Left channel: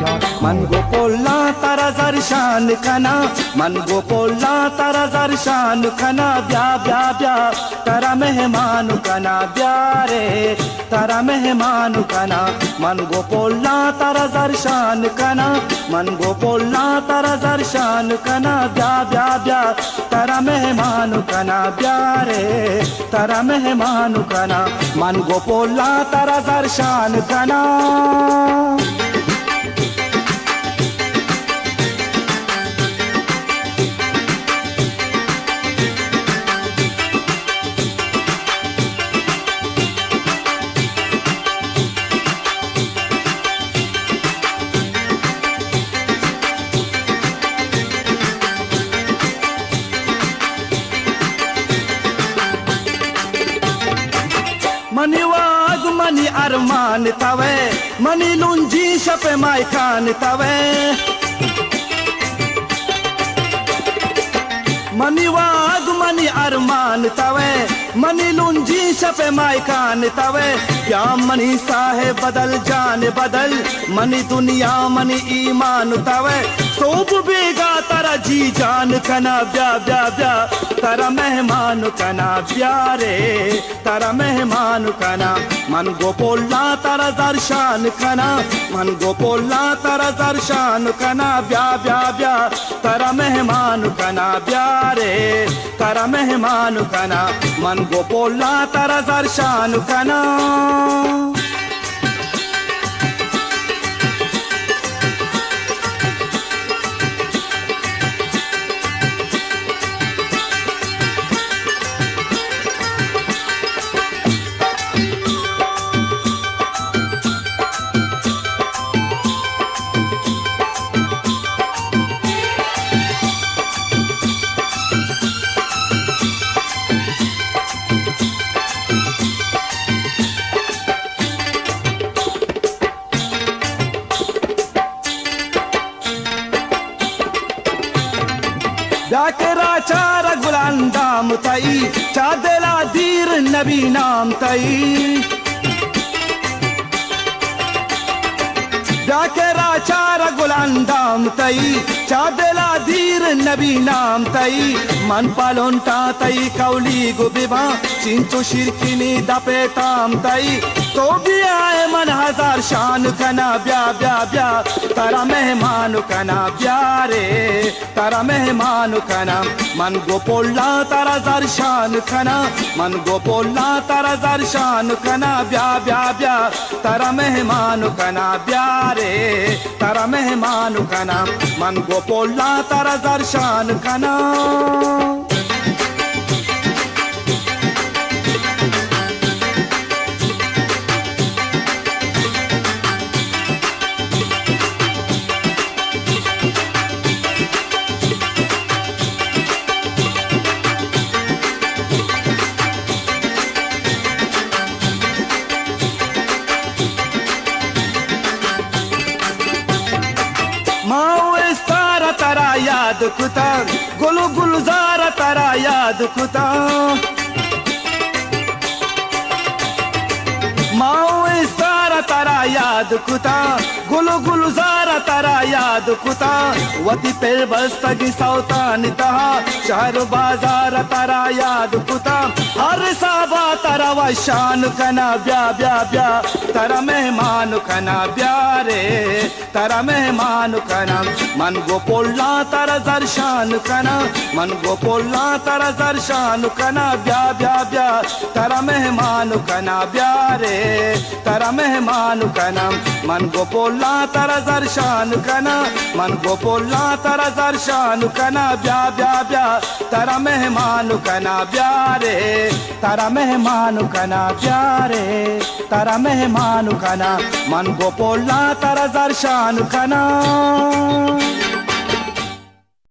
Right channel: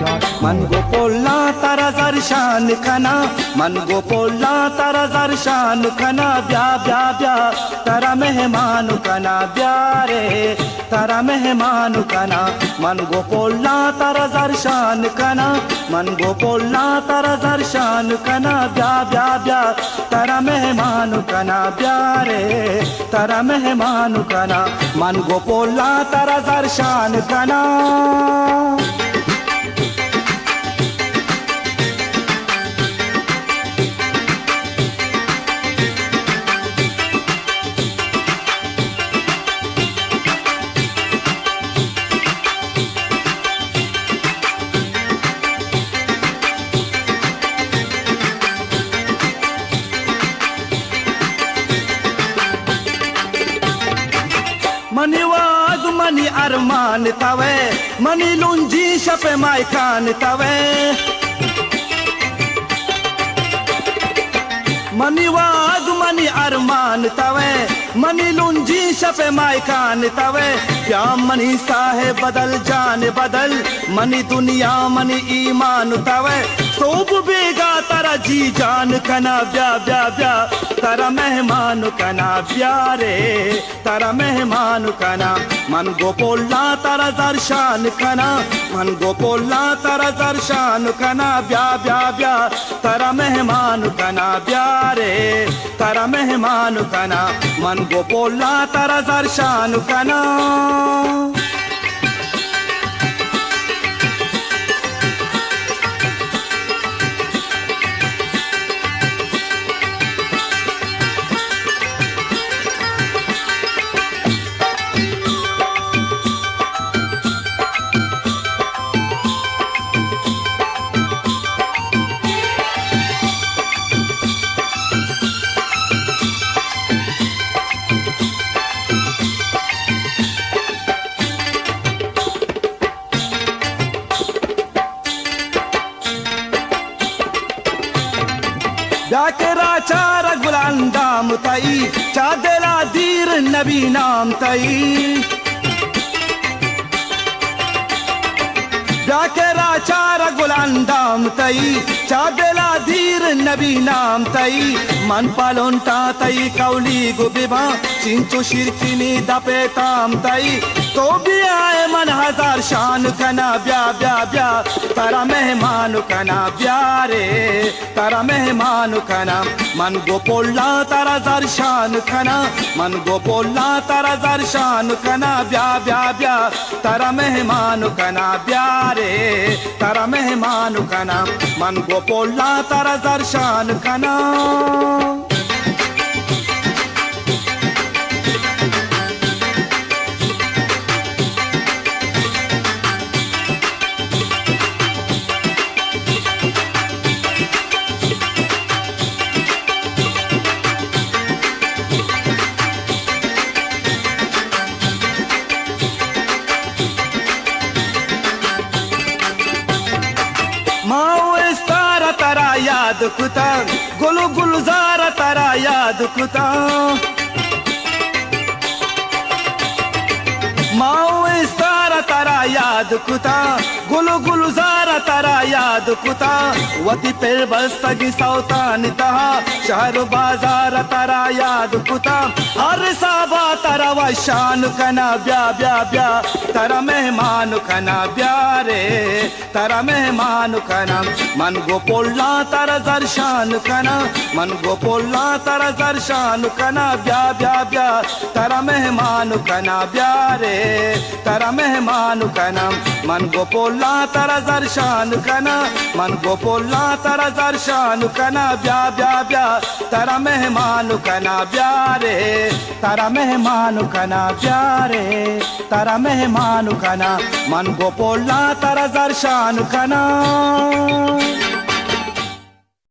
मन गोपोला तारा जरशान कना मन गोपोला तारा जरशान कना ब्या ब्या ब्या तारा मेहमान कना ब्या रे तारा मेहमान कना मन गोपोला तारा जरशान कना मन गोपोला तारा जरशान कना ब्या ब्या ब्या तारा मेहमान कना ब्या रे तारा मेहमान कना मन गोपोला तारा जरशान कना मनी वाग मनी अरमान तवे मनी लुंजी शपे मायकान तवे मनी वाग मनी अरमान तवे मनी लुंजी शपे मायकान तवे क्या मनी साहे बदल जान बदल मनी दुनिया मनी ईमान तवे सोब बेगा तारा जी जान कना ब्या ब्या ब्या तारा मेहमान कना ब्या रे तारा मेहमान कना मन गोपोला तारा दर्शान कना मन गोपोला तारा दर्शान कना ब्या ब्या ब्या तारा मेहमान कना ब्या रे तारा मेहमान कना मन गोपोला तारा दर्शान कना जाकेरा चारा गुलांदाम तई चादेला दीर नबी नाम तई जाकेरा चारा गुलांदाम तई चादेला दीर नबी नाम तई मन पालोंता तई कौली गुबिबा चिंचु शिरकिनी दपे ताम तई तो भी आए मन हजार शान कना ब्या ब्या ब्या तारा मेहमान कना ब्या रे तारा मेहमान कना मन गोपोला तारा दर्शान कना मन गोपोला तारा दर्शान कना ब्या ब्या ब्या तारा मेहमान कना ब्या रे तारा मेहमान कना मन गोपोला तारा दर्शान कना तारा याद कुता गुलु गुलजार तारा याद कुता माओ इस्तारा तारा याद कुता गुलु गुलजार तारा याद कुता वती पे बस्तगी सौतान तहा शहर बाजार तारा याद कुता हर साबा तारा वशान कना ब्या ब्या ब्या तारा मेहमान कना ब्या रे तारा मेहमान कना मन गोपोला तारा दर्शान कना मन गोपोला तारा दर्शान कना ब्या ब्या ब्या तारा मेहमान कना ब्या रे तारा मेहमान कना मन गोपोला तारा दर्शान कना मन गोपोला तारा दर्शान कना ब्या ब्या ब्या तारा मेहमान कना ब्या रे तारा मेहमान कना ब्या रे तारा मेहमान कना मन गोपोला तारा दर्शान कना